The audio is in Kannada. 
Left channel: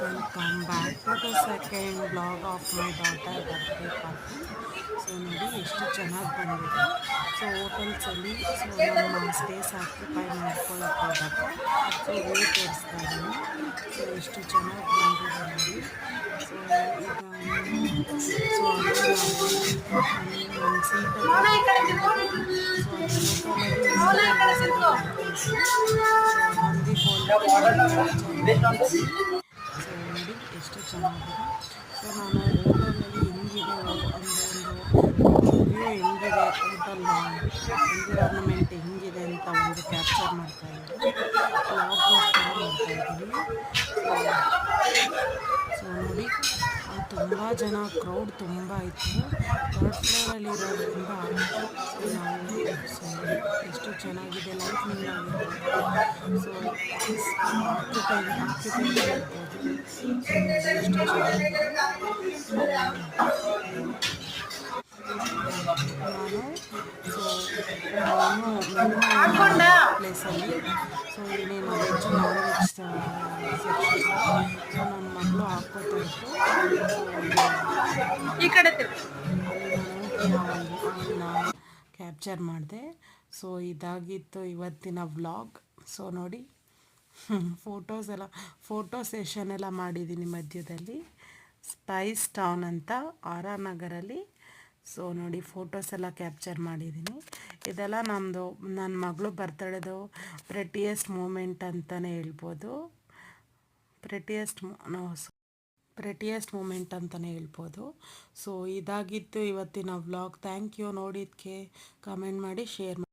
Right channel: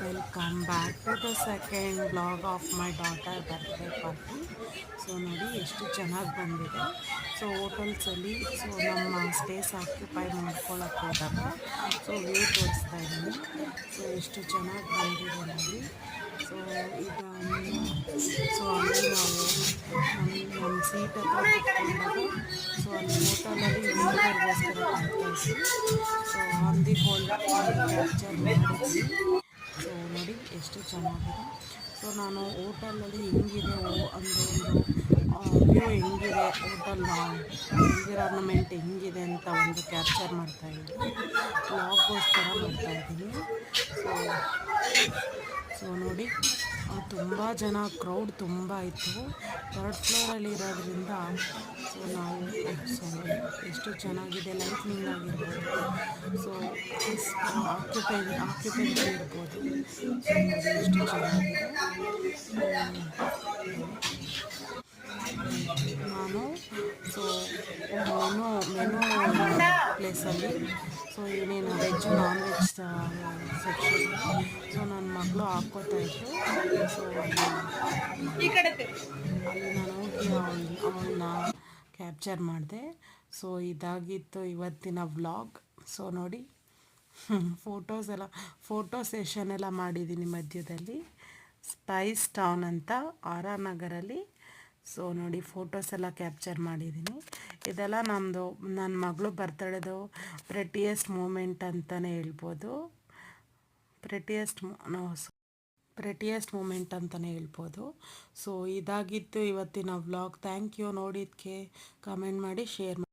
Welcome back to the second blog of my daughter birthday party. So ನೋಡಿ ಎಷ್ಟು ಚೆನ್ನಾಗಿ ಬಂದಿದೆ. ಸೊ ಹೋಟೆಲ್ಸಲ್ಲಿ ನಮ್ಮ ಸ್ಟೇಸ್ ಆಕ್ಯುಪೈ ಮಾಡ್ಕೊಳ್ಳೋಕೆ ಹೋದಾಗ ವ್ಯೂ ತೋರಿಸ್ತಾ ಇದ್ದೀನಿ. ಸೊ ಎಷ್ಟು ಚೆನ್ನಾಗಿ ಬಂದಿದೆ ನೋಡಿ. ಸೊ ಇದು ಅಲ್ಲಿ ನಾವು ನಮ್ಮ ಸೀಟ್ ಹತ್ರ ಕೂತ್ಕೊಂಡಾಗ ಅಲ್ಲಿ ಹೋಟೆಲಲ್ಲಿ ವೀವರ್ಗೋಸ್ಕರ ಕಾಯ್ತಾ ಇದ್ವಿ. So on the whole capture ಮಾಡಿದ್ವಿ. ಸೊ ನೋಡಿ ಎಷ್ಟು ಚೆನ್ನಾಗಿದೆ. ಸೊ ನಾನು ಹೋಟೆಲಲ್ಲಿ ಹೆಂಗಿದೆ ವ್ಯೂ ಹೆಂಗಿದೆ, ಹೋಟೆಲ್ನ ಎನ್ವಿರಾನ್ಮೆಂಟ್ ಹೆಂಗಿದೆ ಅಂತ ಒಂದು ಕ್ಯಾಪ್ಚರ್ ಮಾಡ್ತಾಯಿದ್ದೀನಿ, ವ್ಲಾಗ್ಗೋಸ್ಕರ ಮಾಡ್ತಾಯಿದ್ದೀನಿ. ಸೊ ನೋಡಿ ತುಂಬ ಜನ, ಕ್ರೌಡ್ ತುಂಬ ಇತ್ತು. ಥರ್ಡ್ ಫ್ಲೋರಲ್ಲಿ ಇರೋದ್ರಿಂದ ನೋಡಿ ಎಷ್ಟು ಚೆನ್ನಾಗಿದೆ. ಲೈಟ್ನಿಂಗ್ ಆಗಿರ್ಬೋದು, ಸೊ ಆಕ್ಯುಪೆನ್ಸಿ ಇರ್ಬೋದು. ಸೊ ನೋಡಿ ಎಷ್ಟು ಚೆನ್ನಾಗಿದೆ. ನಾನು ಮೆನು ಪ್ಲೇಸಲ್ಲಿ ಏನೇನು ವೆಜ್ ನಾನ್ ವೆಜ್ ಸೆಕ್ಷನ್ ನನ್ನ ಮಗಳು ಹಾಕ್ಕೋತಾ ಇತ್ತು. ಸೊ ಅಲ್ಲಿ ನಾನು ಹೋಗಿ ಅವಳನ್ನ ಕ್ಯಾಪ್ಚರ್ ಮಾಡಿದೆ. ಸೊ ಇದಾಗಿತ್ತು ಇವತ್ತಿನ ವ್ಲಾಗ್. ಸೊ ನೋಡಿ ಫೋಟೋ ಸೆಷನ್ ಎಲ್ಲ ಮಾಡಿದ್ದೀನಿ ಮಧ್ಯದಲ್ಲಿ. ಸ್ಪೈಸ್ ಟೌನ್ ಅಂತ ಆರ್ ಆರ್ ನಗರಲ್ಲಿ. ಸೊ ನೋಡಿ ಫೋಟೋಸ್ ಎಲ್ಲ ಕ್ಯಾಪ್ಚರ್ ಮಾಡಿದ್ದೀನಿ. ಇದೆಲ್ಲ ನನ್ನ ಮಗಳು ಬರ್ತಡೇದು ಪ್ರೆಟಿಯೆಸ್ಟ್ ಮೂಮೆಂಟ್ ಅಂತಲೇ ಹೇಳ್ಬೋದು. ಪ್ರೆಟಿಯೆಸ್ಟ್ ಮೂಮೆಂಟ್ ಅಂತಲೇ ಹೇಳ್ಬೋದು. ಸೊ ಇದಾಗಿತ್ತು ಇವತ್ತಿನ ವ್ಲಾಗ್. Thank you. ನೋಡಿದ್ದಕ್ಕೆ ಕಮೆಂಟ್ ಮಾಡಿ, ಶೇರ್ ಮಾಡಿ.